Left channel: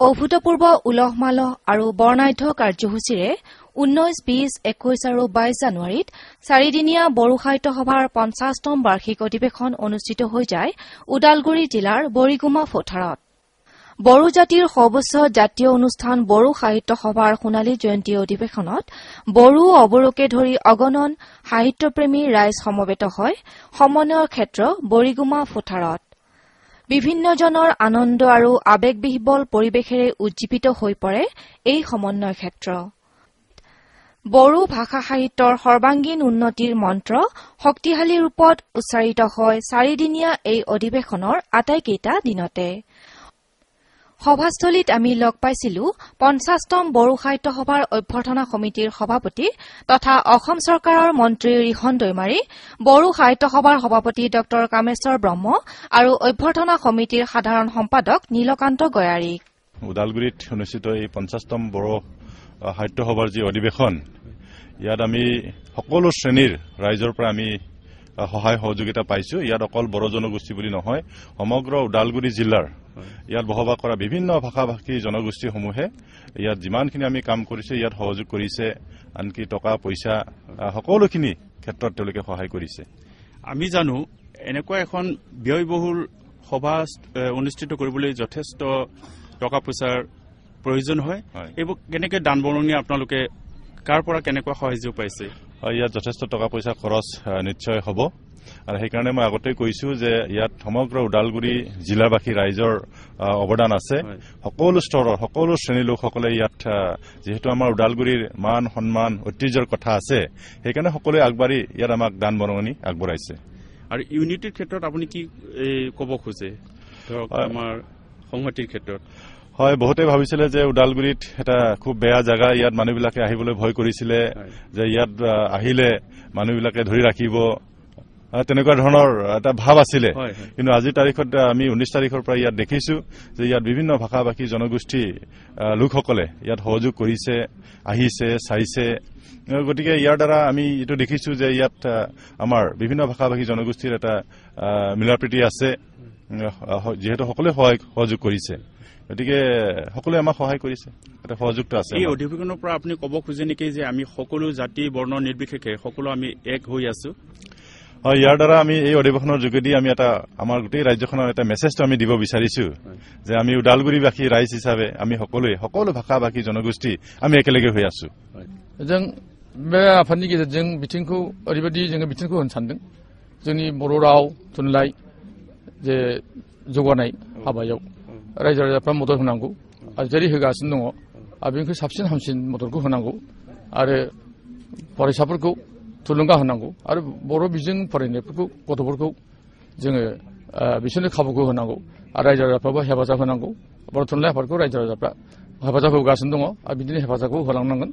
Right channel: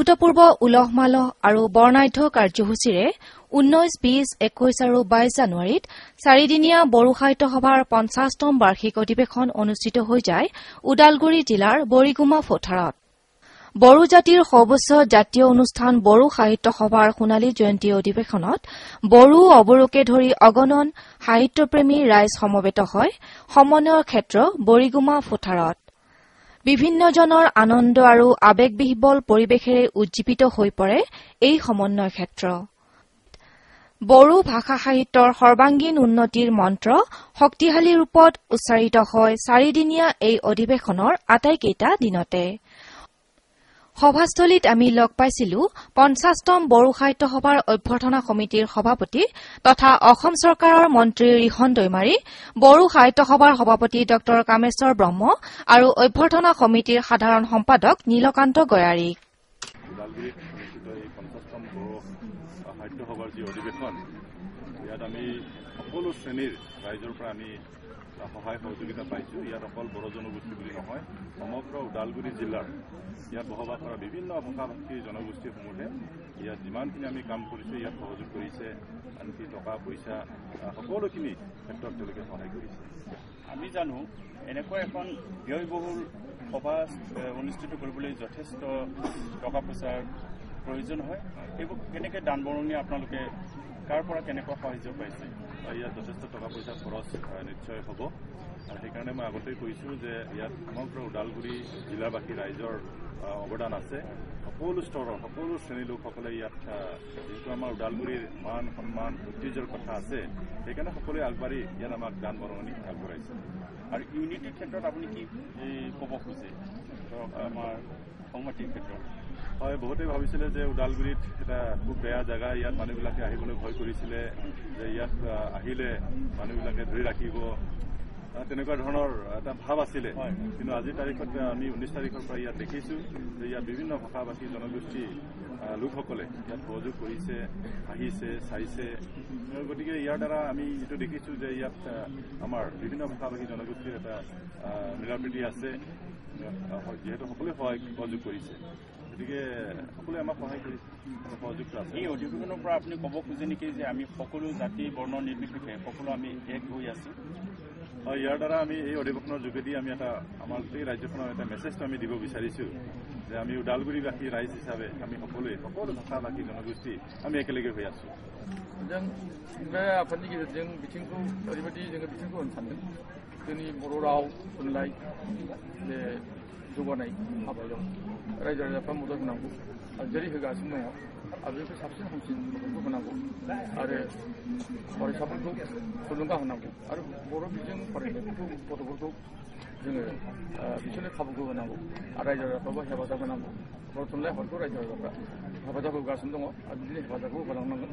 অভূতপূৰ্ব উলহ-মালহ আৰু বৰ্ণাঢ্য কাৰ্যসূচীৰে 19, 20, 21 আৰু 22 জানুৱাৰীত চাৰিদিনীয়া বড়ো সাহিত্য সভাৰ ৫ম বাৰ্ষিক অধিৱেশন অনুষ্ঠিত হৈ যায় ওদালগুৰি জিলাৰ বৰিগুমা পথাৰত। বড়ো জাতিৰ সৰ্বোচ্চ জাতীয় অনুষ্ঠান বড়ো সাহিত্য সভাৰ সোণালী অধিৱেশনত বড়ো অৱৰোধকে ধৰি অগণন সাহিত্যপ্ৰেমী ৰাইজ সমবেত হয় সমন্বয়ৰ ক্ষেত্ৰ বৰিগুমা পথাৰত। বিভিন্ন ধৰণৰ আনন্দ আৰু আৱেগবল পৰিৱেশেৰে উজ্জীৱিত হৈ পৰে এই সমন্বয় ক্ষেত্ৰ। বড়ো ভাষা সাহিত্যৰ সৰ্বাংগীন উন্নতিৰ মন্ত্ৰ শক্তিশালী ৰূপত উচ্চাৰিত হয় চাৰিদিনীয়া এই অধিৱেশনৰ আটাইকেইটা দিনতে। সভাস্থলীত আমি লগ পাইছিলো ৫০তম বড়ো সাহিত্য সভাৰ অভ্যৰ্থনা সমিতিৰ সভাপতি তথা অসম চৰকাৰৰ মন্ত্ৰী ৰিহণ দৈমাৰী, বড়ো সাহিত্য সভাৰ সভাপতি ড কামেশ্বৰ ব্ৰহ্ম আৰু অভ্যৰ্থনা সমিতিৰ সাধাৰণ সম্পাদক নীলকান্ত গয়াৰী। ওদালগুৰিত অনুষ্ঠিত এই ৫০তম বড়ো সাহিত্য সভাৰ যি অধিৱেশন, ইয়াত আমি সকলো শ্ৰেণীৰ ৰাইজৰ পৰা আমি সহায় সহযোগিতা পাইছো। ইয়াত অকল বড়ো জনগোষ্ঠী বুলি নহয়, সমগ্ৰ ওদালগুৰি জিলাৰ ইয়াত বসবাস কৰা বিভিন্ন ভাষা ভাষী জনগোষ্ঠীসমূহে ইয়াত যিমানখিনি আমি কাম কৰিছে ইয়াত সহযোগ কৰিছে, আনকি টকা পইচা সকলোখিনি ক্ষেত্ৰত তেওঁলোকে সহায় কৰিছে। আমি জানো এনেকুৱা এখন ব্যয়বহুল সভা অনুষ্ঠিত কৰিবলৈ যথেষ্ট টকা পইচাৰ প্ৰয়োজন হয়। এইবোৰ কেনেকৈ দান বৰঙণি আপোনালোকে কাৰ পৰা কেনেকুৱা সহযোগ পাইছে? ইয়াত যথেষ্ট টকা পইচা খৰচ নিশ্চয় হ'ব, আৰু সেইকাৰণে মই আগতে কৈছো যে ইয়াত সমগ্ৰ ওদালগুৰি জিলাবাসী ৰাইজৰ অৱদান আছে। সকলো স্তৰৰ সকলো শ্ৰেণীৰ লোকসকলে ইয়াত, যিহেতু আমাৰ ওদালগুৰিৰ মান সন্মান ঐতিহ্যৰ কথা আছে, সেইকাৰণে সকলোৱে আগবাঢ়ি ইয়াত আমাক দান বৰঙণি আগবঢ়াইছে। আৰু ইউনিটিৰ ক্ষেত্ৰত আপুনি কি ক'ব খোজে ধৰক আমাৰ সংহতিৰ ক্ষেত্ৰত? হয়, বহুতে ভাবিছিলে যে ওদালগুৰিত এটা খুব বেয়া জাগা, ইয়াত মানুহবিলাকে আহিবলৈ ভয় কৰিছিলে, যে ইয়াত আহিলে মানুহবিলাকে ধৰি ৰাখিব, তেনেকুৱা ধৰণৰ এটা ভাৱ আছিলে। কিন্তু আজিৰ তাৰিখত আমি 19 তাৰিখৰ পৰা ইয়াত দেখিছো যে ইয়াত বিভিন্ন ভাষা ভাষী জনগোষ্ঠী লোকসকলে ইয়াত সহযোগ কৰিছে, আহিছে, চাইছে। গতিকে ইয়াৰ দ্বাৰা আমি এইটো দেখিছো যে ইয়াত আমাৰ বিভিন্ন ভাষা ভাষী জনগোষ্ঠীৰ এটা মিলাপ্ৰীতি আছে, যিহেতু সকলোৱে সহযোগ কৰিছে। গতিকে সকলোৱে আমাক সহায় কৰিছে, এটা সহযোগটো আছে। এই অধিৱেশনৰ পৰা আপুনি ক'ব খোজে নেকি যে আমি সকলো জাতি বৰ্ণ নিৰ্বিশেষে সকলো আমি এক হৈ আছো? হয়, ইয়াৰ দ্বাৰা আমি এই অধিৱেশনৰ যোগেদি আমি এটা আমাৰ গোটেই ৰাজ্যখনৰ এটা মেছেজটো আমি দিব বিচাৰিছো যে আমি ওদালগুৰিবাসী ৰাইজ হিচাপে আমি সকলোৱে সকলো ভাষা ভাষী জনগোষ্ঠী আমি একেলগে হৈ আছো। जों बे आफादनि गेजेरजों बिथिंखौ ओरैबायदि जोङो बिथिंखौ होनो सानदों, जोंनि बर' राव थुनलाइ जे जौगानाय हाबायाव रायजो राजाफ्रा मदद होनांगौ आरो जेरै होगासिनो दङ आरो बेनिख्रुइ साबसिन हामसिन मददखौ होनांगौ आरो फरायसाफोरखौ थुलुंगा होनांगौ आरो बर' बिजों फरायनायफोरखौ गथ'फोरखौ जोङो बिसोरनो खाबुखौ होनांगौ आरो रायजो राजाफ्राबो हेफाजाब होनांगौ। बर' थुनलाइ आफादखौ रायजो राजाफ्रा हेफाजाब होगासिनो दङ आरो बिदिनो हेफाजाबखौ होलांनांगोन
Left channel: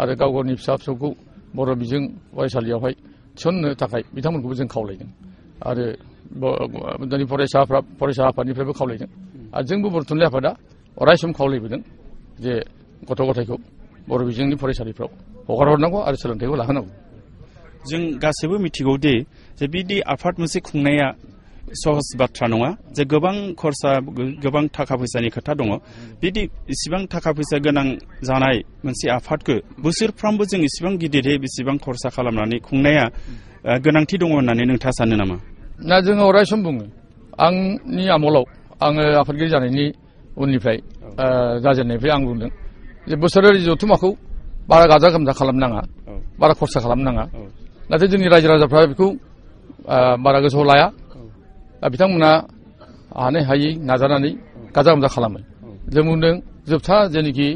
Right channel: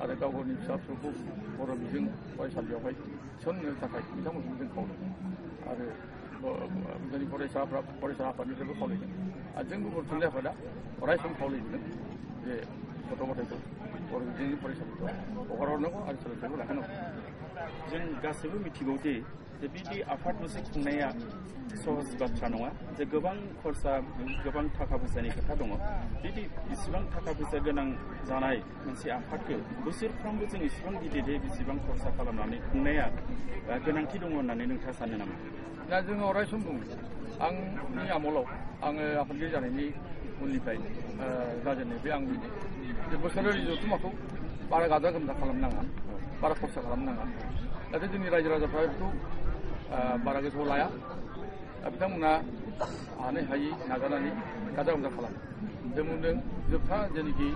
आरो गाव गावनि फिसा फिसौखौ बर' बिजों फरायसालियावहाय थिसननो थाखाय बिथांमोनखौबो जों खावलायदों आरो जोंनि फरायसा आफादनिफ्रायबो खावलायदों आरो जोंबो बर' थुनलाइ आफादा अरायसम खावलायबोदों जे गथ' गथायखौ बर' बिजोंनि फरायसालिफ्राव हगार हरनांगौ आरो सोलोंथाइखौ लाहोनांगौ। जों गासैबो मिथिगौ दि जे बिदि आफाद मोनसे खुंनाया सहज बाथ्रा नङा, जे गोबां खरसा गोबां थाखा फैसानि खोथा दङ। बिदि इसिबां थाखा फैसा गोनां जानाय मोनसे आफादखौ बोसोरफ्रामबो जों इसिबां गिदिरै बेसेबां खरसा खालामनानै खुंनाया गोनांथि दङ होननानै नोंथाङा सानो नामा? ना जोङो अरायसम बुङो, आंनि आमोलाव आङो आफादगिरि जानायनि उननिफ्राय जाजेननायनिफ्राय आं बुंदों जे बोसोरारि जथुम्माखौ बारा गाजा गोमजा खालामनाङा, बारा खरसा खालामनाङा। नाथाय जोंनि रायजो राजाफ्रा बेखौ बारा गोसोआव लाया, बिथांमोना हानाय हायै नाजानानै गाजा गोमजा खालामो। जों बुंदों जोबथा जेनोखि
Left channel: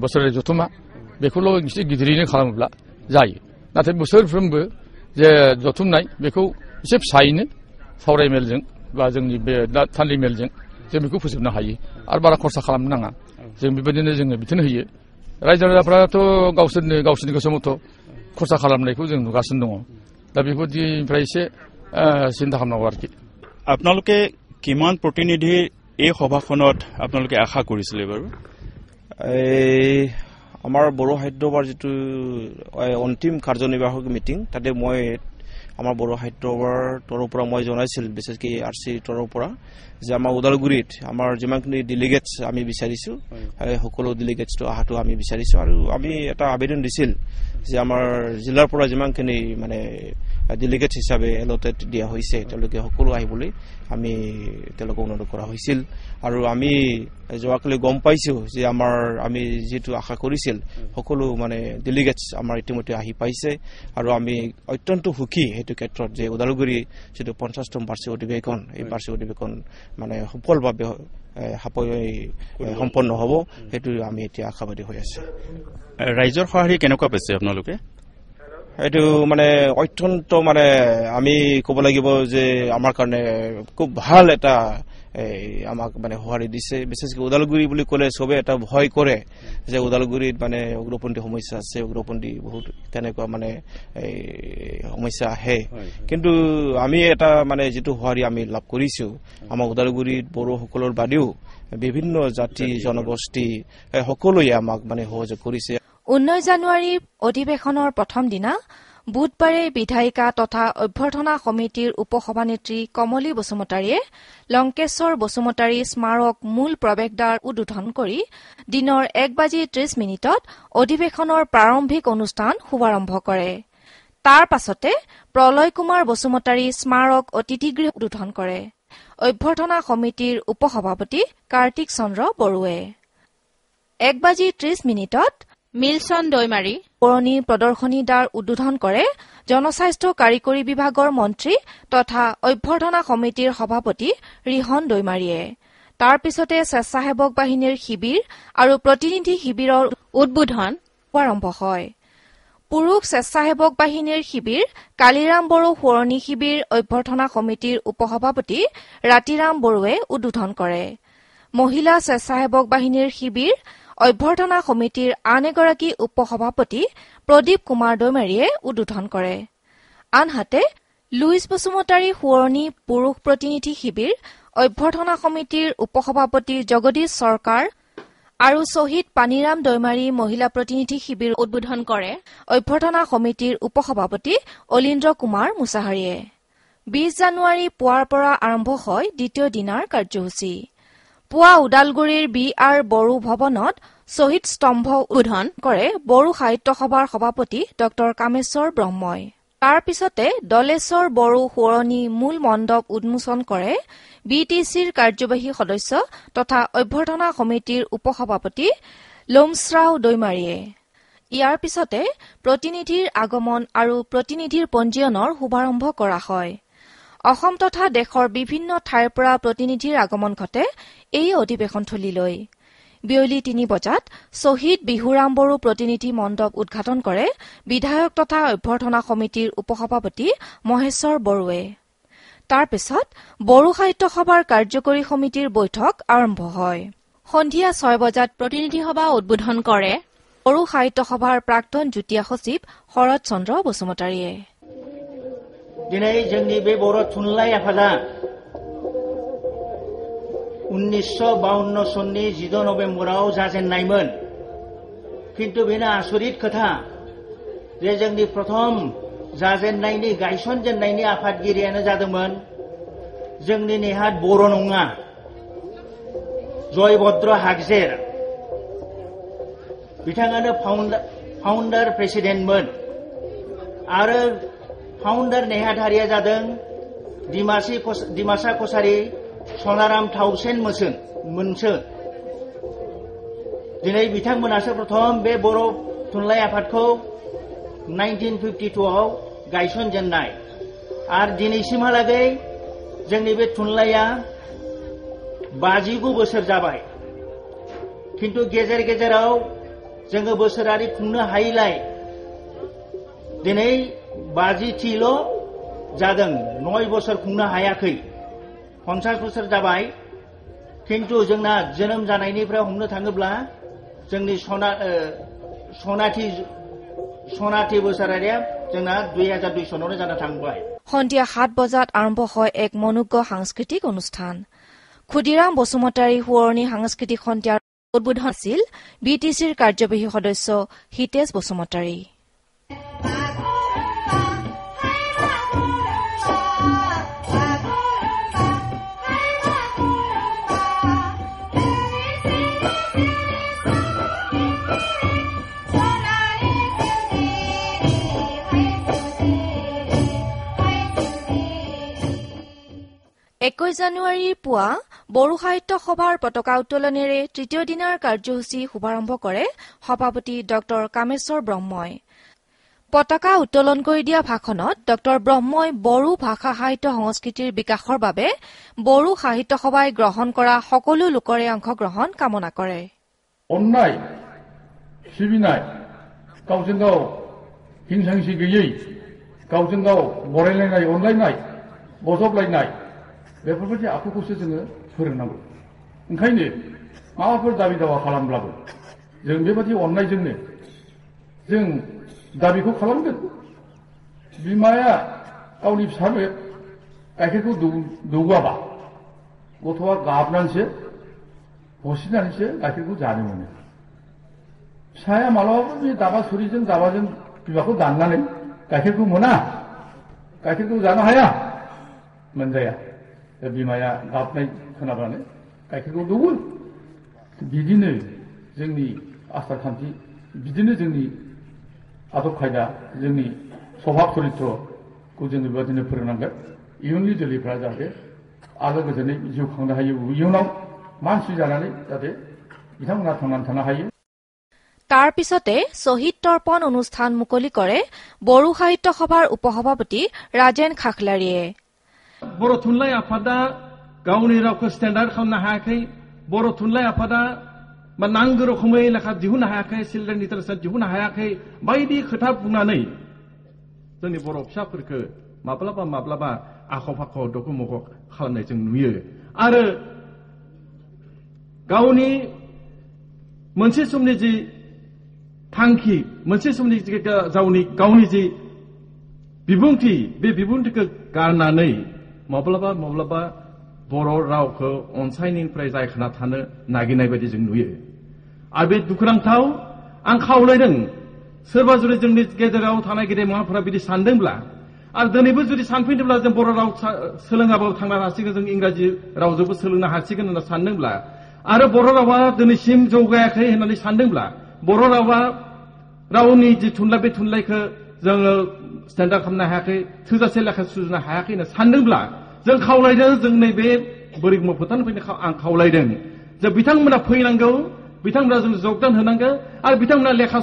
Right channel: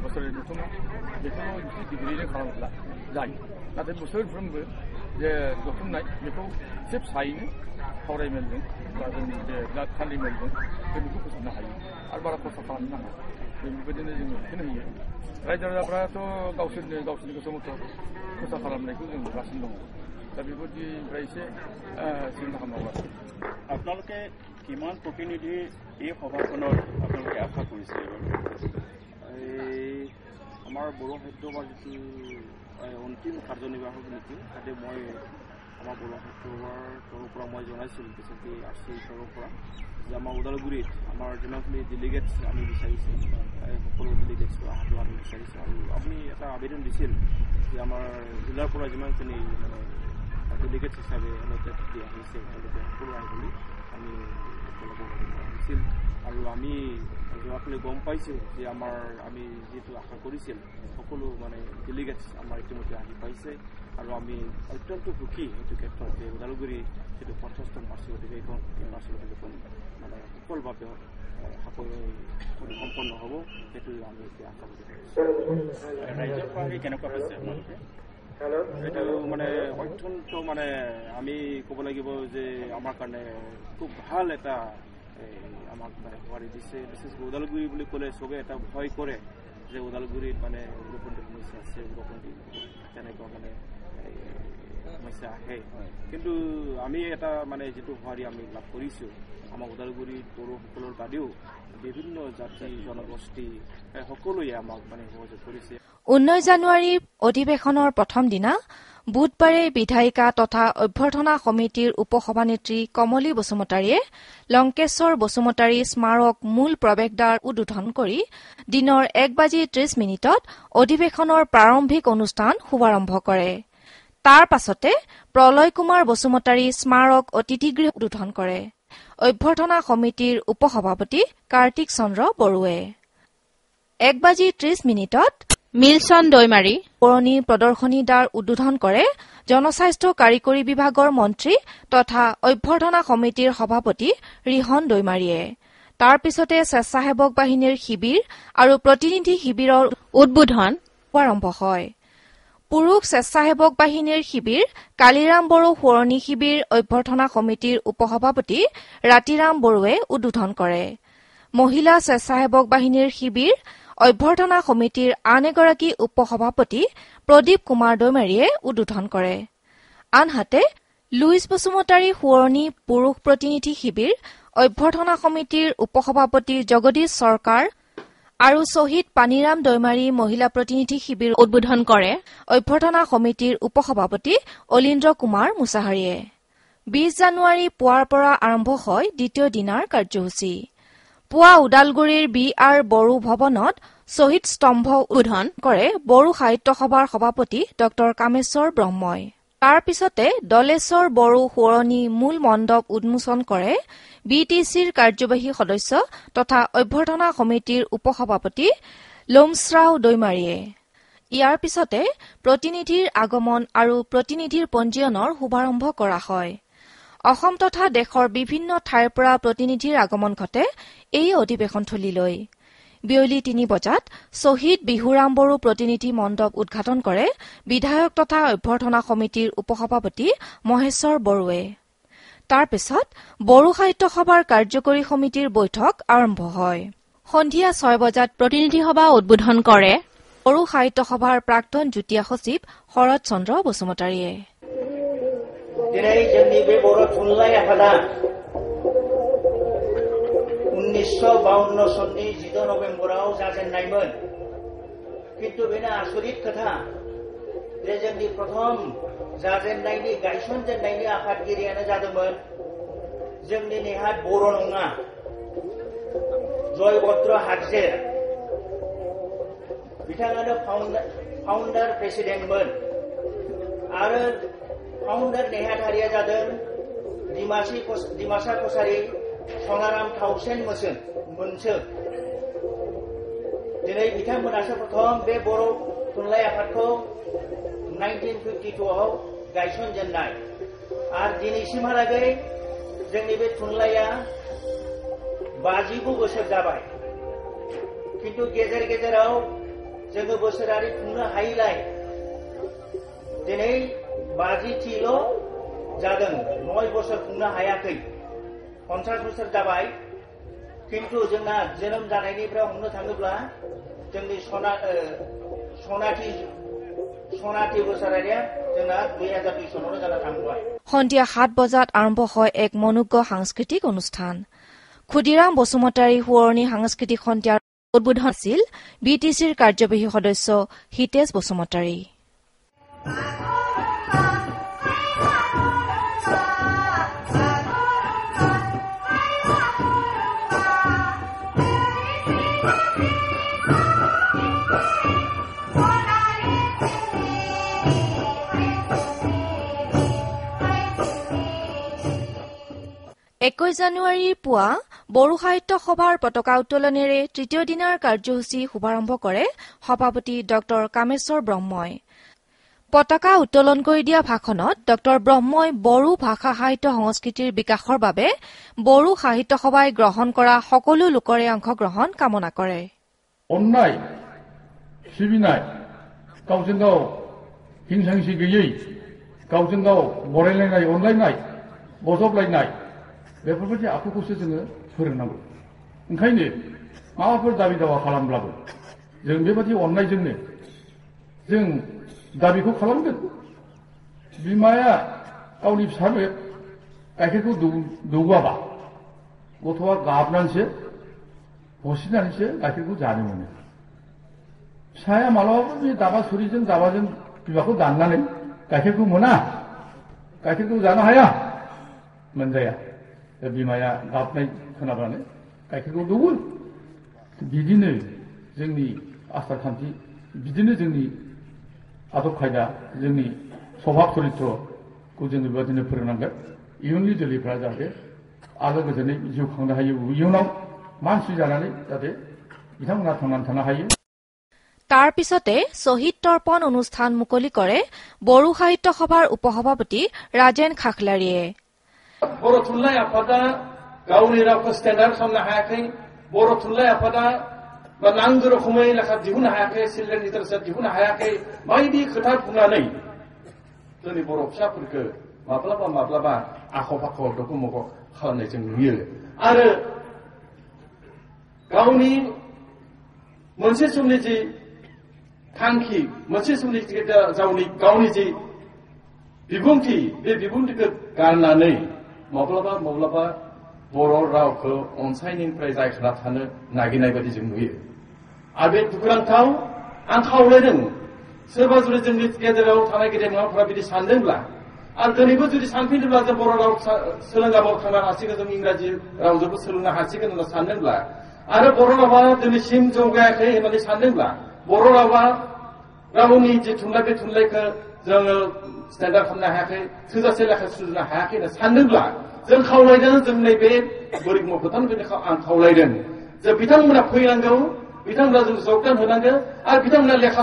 बोसोरारि जथुम्मा बेखौल' एसे गिदिरैनो खालामोब्ला जायो, नाथाय बोसोरफ्रोमबो जे जथुमनाय बेखौ एसे फिसायैनो सावराय मेलजों बा जोंनि बे थान्दै मेलजों जों बेखौ फोजोबनो हायो आरो बारा खरसा खालामनो नाङा। जों बेबायदिनो जोङो बिथोन होयो। रायजो राजाफ्राथ' गावसोरनि गोसो मथ' खरसा खालामनायखौ जों नुगासिनो दङ। दा बेफोरनिफ्राय एसे চিন্তা খামনাও আর কি। আপোনালোকে কিমান প্ৰতিনিধি এই সভাখনত আপোনালোকে আশা কৰিছিলে বাৰু? আমাৰ বড়ো সাহিত্য সভাৰ যিটো অন্তিম কাৰ্যনিৰ্বাহক মিটিং, তাতে মই আমাৰ বড়ো সাহিত্যৰ তৰফৰ পৰা মই জনাইছিল বিশেষকৈ RC তৰফৰ পৰা যে আমাৰ ওদালগুৰিত আমাৰ যিমানখিনি ডেলিগেটছ আমি বিচাৰিছোঁ সকলো ডেলিগেটছটো অহাটো আমি বিচাৰিছোঁ আৰু আমি এটা আবেদন দিছিল যে আমাৰ জিলাৰ পৰা যিমানখিনি মানে ডেলিগেটছ হিচাপে এলটেড দিয়া হৈছে তেওঁলোকে সকলো আহিবলৈ আমি তেওঁলোকক অনুৰোধ কৰা হৈছিল আৰু আমি যোৱাকালি গম পাইছোঁ যে আমি যিটো আশা কৰিছিল সকলো মানে ডেলিগেটছ আমাৰ ইতিমধ্যে আহি পাইছে আৰু আমি অত্যন্ত সুখী সেইটো ক্ষেত্ৰত যে ওদালগুৰি যিটো 50তম বাৰ্ষিক অধিৱেশন এই বাৰ্ষিক অধিৱেশন মানে সফলভাৱে সম্পন্ন হ'ব সেইটো আমি এতিয়া আশাবাদী হৈ আছোঁ ৰাইজৰ সঁহাৰি কেনেকুৱা পাইছে আপোনালোকে এইটো মানে অত্যন্ত মানে আমি ক'ব লাগিব যে আমাৰ কাৰণে খুব ভাল এটা আমাক মানে সঁহাৰি দিছে বিশেষকৈ ওদালগুৰি বুলি ক'লে চবে এটা ভয় কৰে যে ওদালগুৰিত মানে উগ্ৰপন্থী সমস্যা আছে উগ্ৰপন্থী বহুত তেনেকুৱা মানে সমস্যা আহে কিন্তু আমি এটা মানে যিটো সঁহাৰি আমি লাভ কৰিছোঁ আমাৰ ওদালগুৰিত বড়োসকলৰ বাদেও বিভিন্ন জাতি জনগোষ্ঠী সকলোৱে আমাক মানে সহযোগ কৰিছে 19 জানুৱাৰীৰ অধিৱেশনৰ প্ৰথম দিনা বুধবাৰে বিধায়িকা তথা অভ্যৰ্থনা সমিতিৰ উপসভানেত্ৰী কমলী বসুমতাৰীয়ে লংকেশ্বৰ বসুমতাৰী স্মাৰক মূল প্ৰৱেশদ্বাৰ উদ্বোধন কৰি দিনৰ 1:30 অধিৱেশনৰ প্ৰাৰম্ভিক অনুষ্ঠান শুভাৰম্ভ কৰে তাৰ পাছতে প্ৰলয় কুমাৰ বসুমতাৰী স্মাৰক অতিথিগৃহ উদ্বোধন কৰে অভ্যৰ্থনা সমিতিৰ উপসভাপতি কাৰ্তিক চন্দ্ৰ বড়ুৱে 1:30 মিলচন দৈমাৰী পুৰণি প্ৰদৰ্শনী দ্বাৰ উদ্বোধন কৰে জনস্বাস্থ্য কাৰিকৰী বিভাগৰ মন্ত্ৰী তথা অভ্যৰ্থনা সমিতিৰ সভাপতি ৰিহন দৈমাৰীয়ে তাৰ পিছতে স্বেচ্ছাসেৱক বাহিনীৰ শিবিৰ আৰু প্ৰতিনিধি শিবিৰৰ উদ্বোধন আৰম্ভ হয় পুৰুষ স্বেচ্ছাসেৱক বাহিনীৰ শিবিৰ কালিৰাম বড়ো সোঁৱৰণী শিবিৰ অভ্যৰ্থনা সমিতিৰ উপসভাপতি ৰাতিৰাম বড়ুৱে উদ্বোধন কৰে মহিলা স্বেচ্ছাসেৱক বাহিনীৰ শিবিৰ অভ্যৰ্থনা সমিতিৰ আন এগৰাকী উপসভাপতি প্ৰদীপ কুমাৰ দৈমাৰীয়ে উদ্বোধন কৰে আনহাতে লুইচ বসুমতাৰী সোঁৱৰণী পুৰুষ প্ৰতিনিধি শিবিৰ অভ্যৰ্থনা সমিতিৰ উপসভাপতি জগদীশ চৰকাৰ আৰু শ্বহীদ পানীৰাম দৈমাৰী মহিলা প্ৰতিনিধি শিবিৰ উদ্বোধন কৰে অভ্যৰ্থনা সমিতিৰ উপসভাপতি অলিন্দ্ৰ কুমাৰ মুছাহাৰীয়ে 20 জানুৱাৰী পুৱাৰ পৰা আৰম্ভ হয় দ্বিতীয় দিনাৰ কাৰ্যসূচী পুৱা ওদালগুৰিৰ BR বড়ো ভৱনত শ্বহীদ স্তম্ভ উদ্বোধন কৰে বড়ো সাহিত্য সভাৰ সভাপতি ড কামেশ্বৰ ব্ৰহ্মই তাৰ পিছতে দলেশ্বৰ বড়ো সোঁৱৰণী মূল মণ্ডপ উন্মোচন কৰে BTCৰ কাৰ্যবাহী সদস্য তথা অভ্যৰ্থনা সমিতিৰ উপসভাপতি লোমশ্ৰাও দৈমাৰীয়ে ইয়াৰ পিছতে প্ৰতিনিধিৰ আগমন আৰু প্ৰতিনিধিৰ পঞ্জীয়নৰ শুভাৰম্ভ কৰা হয় অসম তথা দেশৰ বিভিন্ন ঠাইৰ পৰা প্ৰতিনিধিৰ আগমন ঘটে এই অধিৱেশনথলীলৈ বিয়লি 3 বজাত শ্বহীদ বিহুৰাম বড়ো প্ৰতিনিধি মণ্ডপ উদ্ঘাটন কৰে বিধায়ক তথা অভ্যৰ্থনা সমিতিৰ উপসভাপতি মহেশ্বৰ বড়ুৱে তাৰ পিছত বড়ো সাহিত্য সভাৰ কাৰ্যকৰী সমিতিৰ বৈঠক আৰম্ভ হয় সন্ধিয়া 6 বজাত প্ৰতিনিধি সভা উদ্বোধন কৰে বড়ো সাহিত্য সভাৰ প্ৰাক্তন যুটীয়া সচিব শৰৎ চন্দ্ৰ বসুমতাৰীয়ে दिनै जोंनि बे बर' थुनलाइ आफादा 1952 सननि 10 नभेम्बराव जाजेननायमोन किन्तु बेनो आसरित खोथा जे जोंनि प्रथम जाजेननायनि गायसनजेननायनि आफादगिरियानो जादोंमोन जोंनि नेहाद बर' नङा जयभद्र हागजेर बिथाङानो फाउन्डार प्रेसिडेन्टमोन आरो फाउन्डार नेहाधारिया जादों डिमासा कसारी सनाराम थाउसेन मोनसो दिनै बिथांमोनासो प्रथम बे बर' थुनलाइ आफादखौ 1952 आव गायसनजेननाय आरो दिनैसिमहालागै जोंनि बे थुनलाइया 59 बोसोर जाबाय किन्तु गेजेर गेजेराव जोङो बोसोरारि खुंनो हायैलाय दिनै 50थिल' जादों 9 बोसोर खुंनो हायाखै 50 बोसोर जाबाय किन्तु जोंना जोनोम जानायनिफ्राय हमनो थाङोब्ला जोंनि सनाथि बोसोरारिया जोंना 2002 सनावनो जाना थांबाय সন্ধিয়া 7 বজাত আৰম্ভ হয় এক মনোজ্ঞ সাংস্কৃতিক অনুষ্ঠান ক্ষুদিৰাম বসুমতাৰী সোঁৱৰণী সাংস্কৃতিক সন্ধিয়াৰ উদ্বোধন আছিল BTCৰ কাৰ্যবাহী সদস্য হিতেশ বসুমতাৰী 21 জানুৱাৰীৰ পুৱা বড়ো সাহিত্য সভাৰ পতাকা উত্তোলনেৰে তৃতীয় দিনাৰ কাৰ্যসূচী শুভাৰম্ভ কৰে সভাপতি ড কামেশ্বৰ ব্ৰহ্মই। পতাকা উত্তোলন কৰি দিয়া ভাষণত ড ব্ৰহ্মই বড়ো ভাষা সাহিত্য সংস্কৃতিৰ বিকাশৰ বাবে বড়ো সাহিত্য সভাই গ্ৰহণ কৰা সকলো লোকৰে অংশগ্ৰহণ কামনা কৰে। অন্যায় सिबिनाय गावजों गाव हिंसांसि गैयै गावजों गाव बरायलायनाय अनलायनाय बजबलायनाय बेफोरबायदि आखुखौसो जोङो फोरोंनांगौ। ओंखायनो माबाफोर दाबि दावा खालामब्लाबो जों बेबायदि अननायजोंनो जों दाबिखौ खालामगोन। बिमाया गावनि फिसानो गाइखेरखौ दौवाबा गथ'आ गाबनानैसो हसिनानैसो गाइखेरखौ जानो मोनो। फिसाया मालाबाबो बे दाबा सुरिजों दाबाजों बिमाखौ दाननानै गाइखेरखौ मोना, गाइखेरखौ जानो हाया, मोनजाया। बिमाया गाबनाय खोनाब्लानो गाइखेरखौ दौवो। बिदिनो जोंनि आसार खान्थि, बिदिनो जोंनि आदब खायदा, जोंनि स्वभाब चरित्रखौ जोङो बेबायदिनो फोरोंनांगोन। इयुननि जोलैफ्रा जाहाथे आलो गोजोनै जिउ खांनो हायो, इयुनाव मानसि जानानै जाहाथे बिथांमोना थांनानै थानो हायो। তাৰ পিছতে শ্বহীদ তৰ্পণ অনুষ্ঠান মুকলি কৰে বড়ো সাহিত্য সভাৰ উপসভাপতি ৰাজেন খাখলাৰীয়ে। बर' थुनलाइ आफादा गावनि रावखौ स्टेन्डार्ड खालामनो हायाखै, बर' थुनलाइ आफादा नांगौ रोखोमै लेखा दिहुननो हायाखै, चिल्ड्रेन लिटारेचार दिहुननो हायाखै, बायदि खोथा बुंनानै जोंनि बर' फिसाफोरखौ माब्लाबा माब्लाबा आख' फाख' दख' मख' खालामनाय जों नुयो। आरो गावनि मोनसे समनि जि थांखि, मोनसे समनि गावनि जि बिबुंथि, बे बिबुंथिखौ गारनानै माब्लाबा माब्लाबा बर' रावखौ अनसायनिफ्राय जायखाना थानो नागिरनाय बायदि जों नुयो। आरो बे दुखुनांथाव। आं खावलायदों सोरबा जुदि जोंनि गेजेराव थानाय गेदेमाफोरा बिदि सानदोंब्ला आरो दिनैबो जुदि सानफैदोंब्ला जों बर' राव सोलोङाबाबो थांनो हासिगोन, जों इंराजि रावजोंबो सोलोंनो हासिगोन होनना सानदोंब्ला आरो बर' रावा दिनैसिम जौगायाखै होननानै सानदोंब्ला, बर' रावा रावनि जि थुनलाइ, बे थुनलाइखौ जोङो स्टेन्डार्ड खालामनो हायाखै, थोजासे लेखा सुजुनो हायाखै होनना सानदोंब्ला जों खावलायदों, जों नैबे बोरिमु फोथारनिफ्रायनो आं खावलायदों जे बिथांमोना फैनांगौ, बिथांमोना जों जगदान होनांगौ आरो बिथांमोना लेखा